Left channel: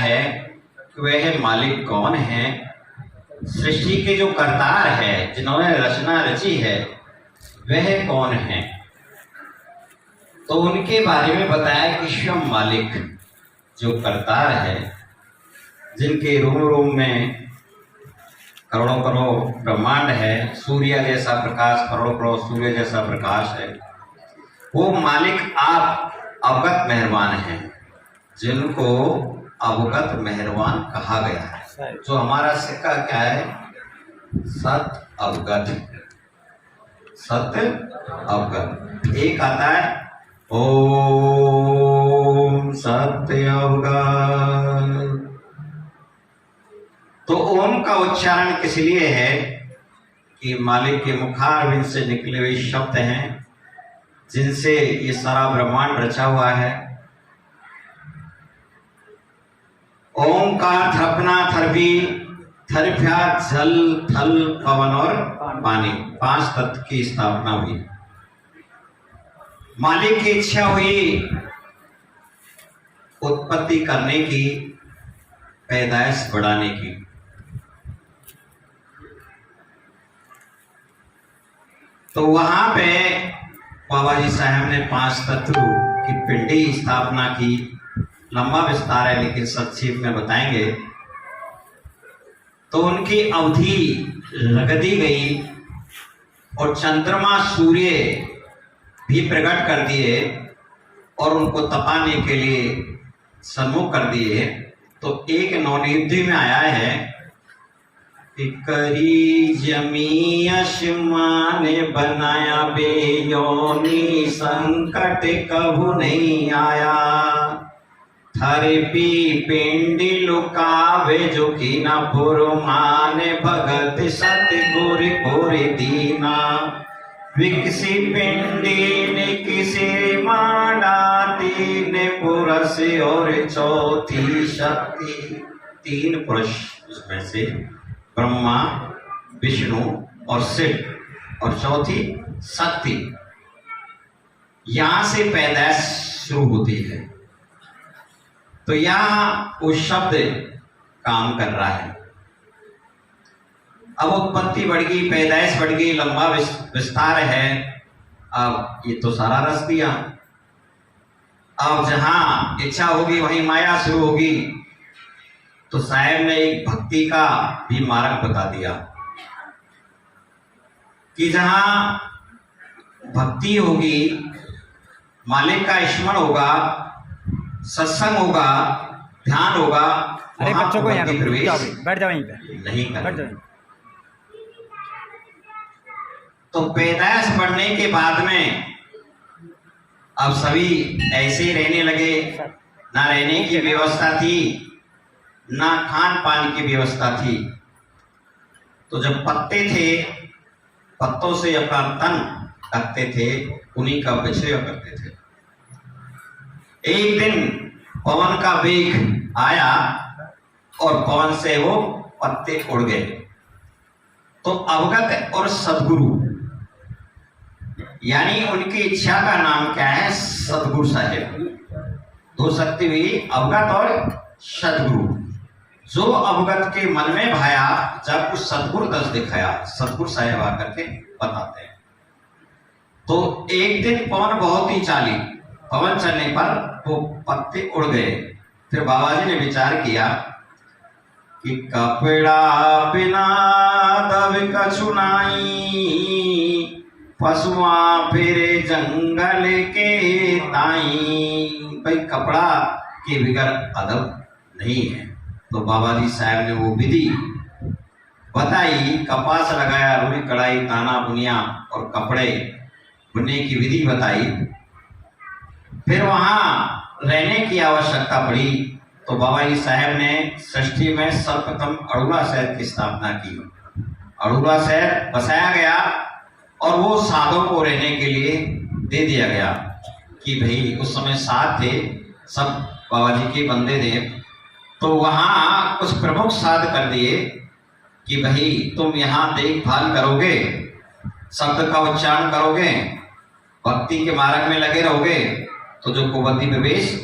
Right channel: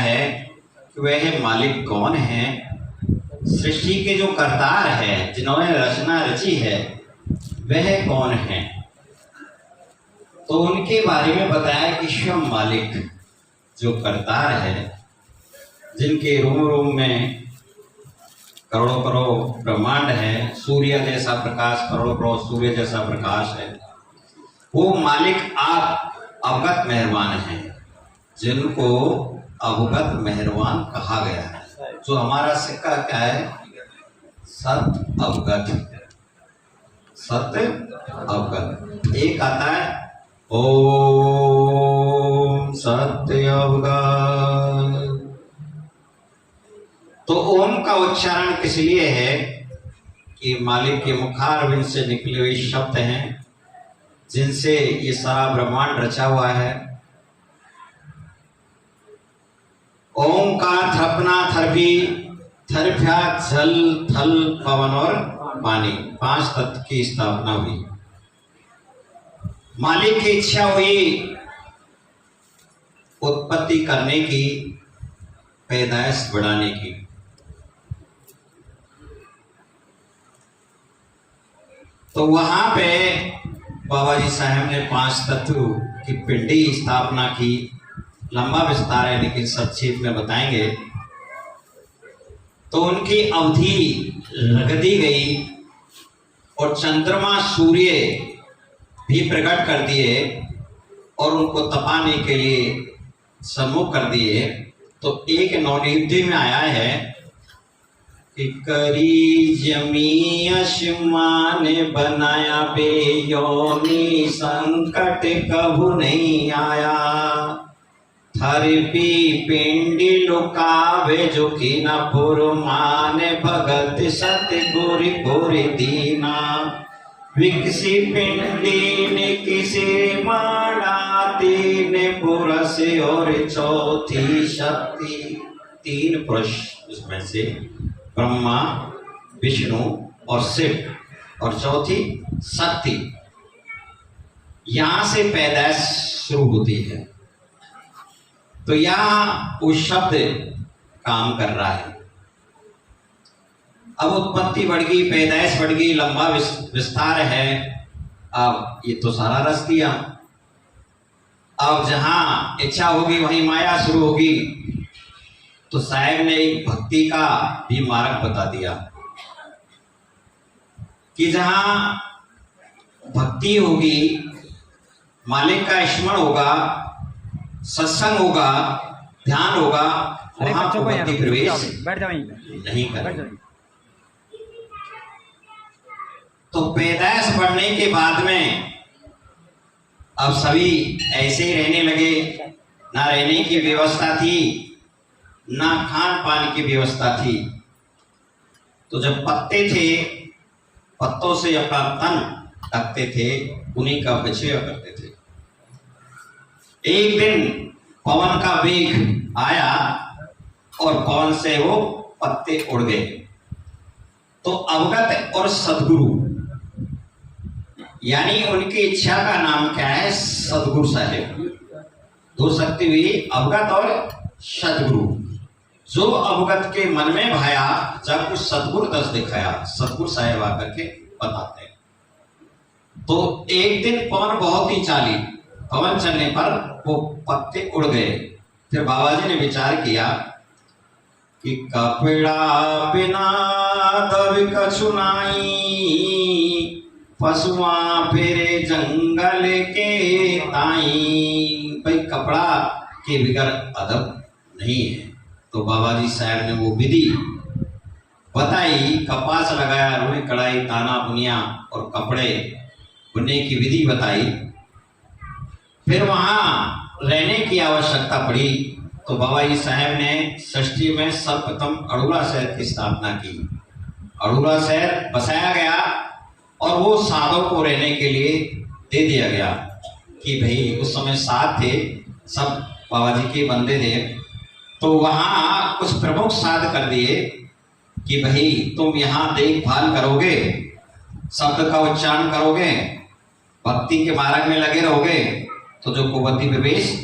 है कि वह मालिक कौन है, सृष्टि के जो करतार है, जिन्होंने रचना रची है, वह कौन है। तो उनके बारे में बताया कि स्वयं मालिक जो करतार है, जिनके रोम रोम में करोड़ों करोड़ ब्रह्मांड है, सूर्य जैसा प्रकाश, करोड़ों करोड़ सूर्य जैसा प्रकाश है, वो मालिक आप अवगत मेहरबान हैं, जिनको अवगत मेहरबान कहा गया है। जो हमारा सिक्का क्या है, सत अवगत, सत अवगत। एक आता है ओम सत्य अवगत। तो ओम का उच्चारण किस लिए है कि मालिक के मुखारविंद से निकले हुए शब्द हैं, जिनसे ये सारा ब्रह्मांड रचा हुआ है। ओम का थरपना थरपी, थरप्या जल थल पवन और पानी, 5 तत्व की स्थापना हुई। मालिक की इच्छा हुई उत्पत्ति करने की, पैदाइश बढ़ाने की। तो वहां पे बाबा जी साहब ने 5 तत्व की पिंडी स्थापना की। लंबा विस्तार है लेकिन संक्षेप में बताएंगे। तो उनकी अवधि रख दी गई और चंद्रमा सूर्य भी प्रकट कर दिए और उनको तपाने के लिए सम्मुख कर दिए। तो एक नवनिधि में आया है कि करी जमी अशमा ने बनाया बेयोनी, संकट कभू नहीं आया। थरपी पिंडी लुकावे जो की न पुरमाने, भगत सतगुर गोर दीना। विकसी पिंडी ने किसी माना, तीन पुरुष और चौथी शक्ति। 3 पुरुष, उसमें से ब्रह्मा, विष्णु और शिव, और चौथी शक्ति। यहां से पैदाइश शुरू होती है। तो यहां वो शब्द काम कर रहा है। अब उत्पत्ति बढ़ गई, पैदाइश बढ़ गई, लंबा विस्तार है। अब ये तो सारा रस दिया। अब जहां इच्छा होगी वहीं माया शुरू होगी। तो साहब ने एक भक्ति का भी मार्ग बता दिया कि जहां भक्ति होगी, मालिक का स्मरण होगा, सत्संग होगा, ध्यान होगा, वहां भक्ति प्रवेश नहीं करेगा। तो पैदाइश बढ़ने के बाद में अब सभी ऐसे ही रहने लगे। ना रहने की व्यवस्था थी, ना खान पान की व्यवस्था थी। तो जब पत्ते थे, पत्तों से अपना तन ढकते थे, उन्हीं का बछड़ा करते थे। एक दिन पवन का वेग आया और पवन से वो पत्ते उड़ गए। तो अवगत और सदगुरु, यानी उनकी इच्छा का नाम क्या है, सदगुरु साहेब। 2 शक्ति हुई, अवगत और सदगुरु। जो अवगत के मन में भाया, जब उस सदगुरु दस दिखाया, सदगुरु साहेब आकर के बताते हैं। तो एक दिन पवन बहुत ही चाली, पवन चलने पर वो पत्ते उड़ गए। फिर बाबा जी ने विचार किया कि कपड़ा बिना दब कछु नाई, पशुआ फिरे जंगल के ताई। भाई कपड़ा के बिगर अदब नहीं है। तो बाबा जी साहब ने वो विधि बताई, कपास लगाया, रुई कढ़ाई, ताना बुनिया और कपड़े बुनने की विधि बताई। फिर वहां रहने की आवश्यकता पड़ी। तो बाबा जी साहब ने षष्ठी में सर्वप्रथम अड़ूला शहर की स्थापना की। अड़ूला शहर बसाया गया और वो साधों को रहने के लिए दे दिया गया कि भाई उस समय साध थे, सब बाबा जी के बंदे थे। तो वहां कुछ प्रमुख साध कर दिए कि भाई तुम यहाँ देखभाल करोगे, शब्द का उच्चारण करोगे, भक्ति के मार्ग में लगे रहोगे, तो जो कुबद्धी प्रवेश